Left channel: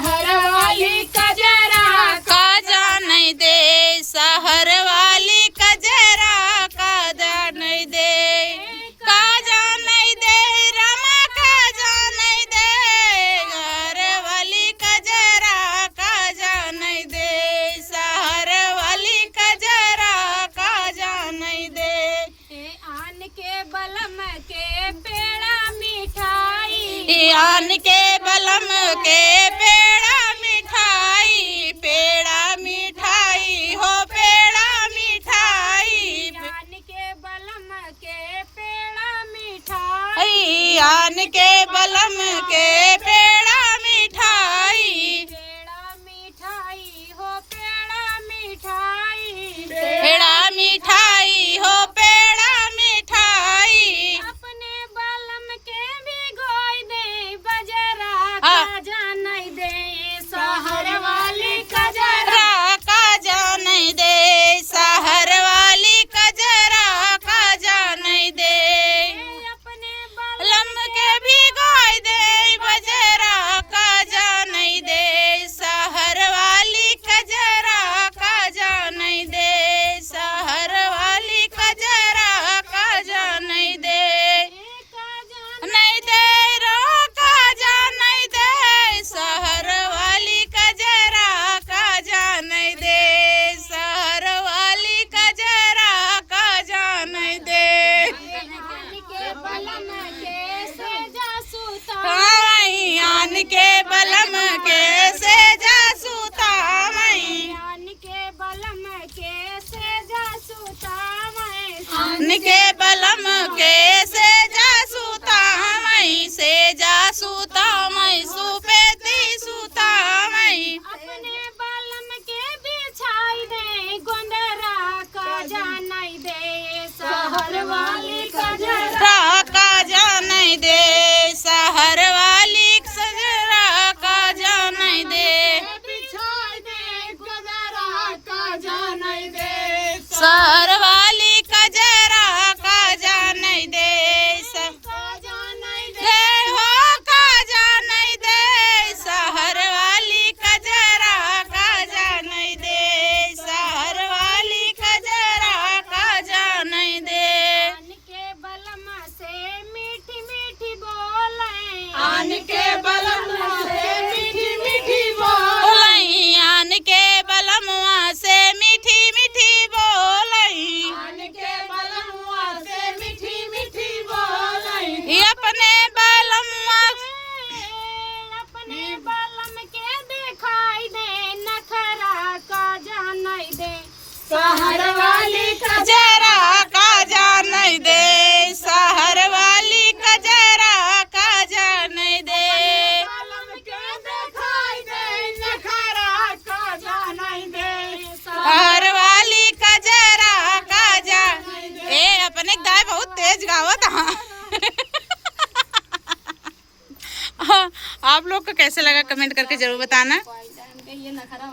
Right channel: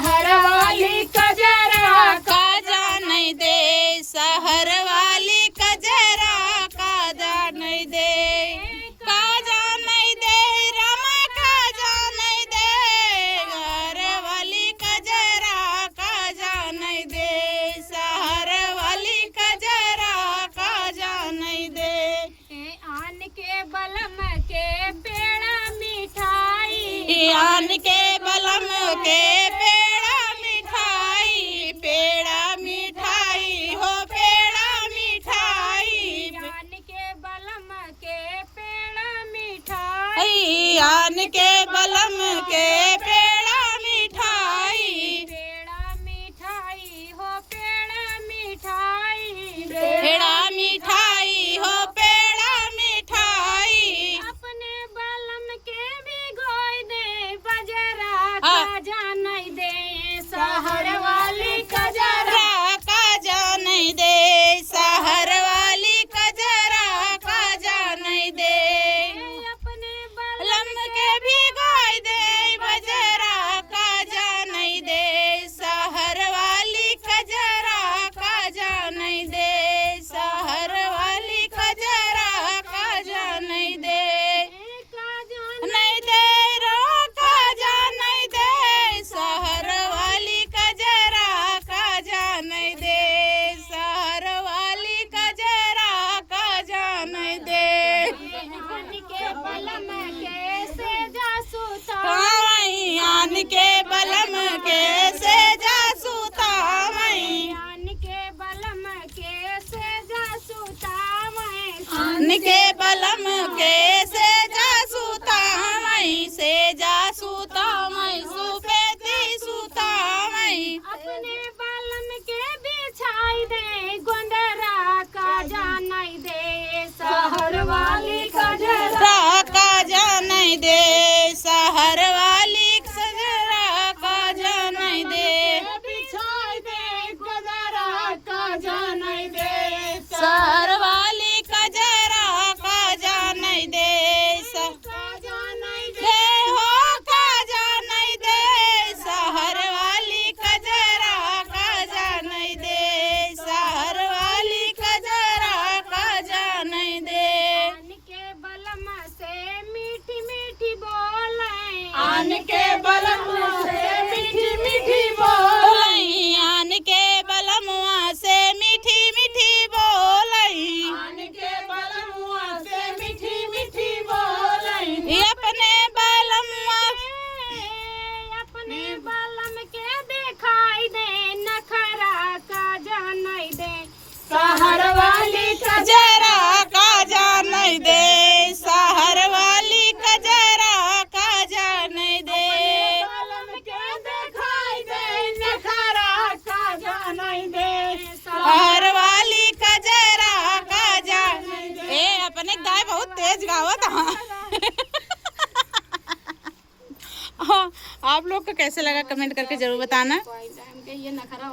शहर वाली कजरा काजा नहीं दे, शहर वाली कजरा काजा नहीं दे, काजा नहीं दे रमा काजा नहीं दे, घर वाली कजरा काजा नहीं दे, शहर वाली कजरा काजा नहीं दे। आन के बलम के पेड़ा मिठाई, आन के बलम के पेड़ा मिठाई, पेड़ा मिठाई हो पेड़ा मिठाई, आन के बलम के पेड़ा मिठाई, आन के बलम के पेड़ा मिठाई, पेड़ा मिठाई हो पेड़ा मिठाई, पेड़ा मिठाई हो पेड़ा मिठाई। अपने बलम के भिगोई दे बजरा हाँ। काजा नहीं दे, शहर वाली कजरा काजा नहीं दे, शहर वाली कजरा काजा नहीं दे, अपने बलम के भिगोई दे बजरा काजा नहीं दे, शहर वाली कजरा काजा नहीं दे, शहर वाली कजरा काजा नहीं दे, नहीं दे रो काजा नहीं दे, शहर वाली कजरा काजा नहीं दे, शहर वाली कजरा काजा नहीं दे। के बलम के से जासूता वहीं आन के बलम के से जासूता वहीं, आन के बलम के से जासूता आन के बलम के से जासूता वहीं, से जासूता वहीं सुपेती सूता वहीं, अपने बलम के बिछाई दे गोंदरा काजा नहीं दे, शहर वाली कजरा काजा नहीं दे, शहर वाली कजरा काजा नहीं दे, बिछाई दे गोंदरा काजा नहीं दे, शहर वाली कजरा काजा नहीं दे, काजा नहीं दे, दे हो काजा नहीं दे, शहर वाली कजरा काजा नहीं दे, शहर वाली कजरा काजा नहीं दे। आन के बलम से मीठी मीठी बोले, आन के बलम से मीठी मीठी बोलई, आन के बलमुआ से मीठी मीठी बोलई, आन के बलमुआ से मीठी मीठी बोले, अपने बलमुआ अपने बलम के दिखाई दे नखरा काजा नहीं दे, शहर वाली कजरा काजा नहीं दे, शहर वाली कजरा काजा नहीं दे, बलम के दिखाई दे नखरा काजा नहीं दे, शहर वाली कजरा काजा। ए अपने गाय बहुत तेज गावत हाँ। आप लोग को कैसे लगा कमेंट करके जरूर बताना। ये नखरा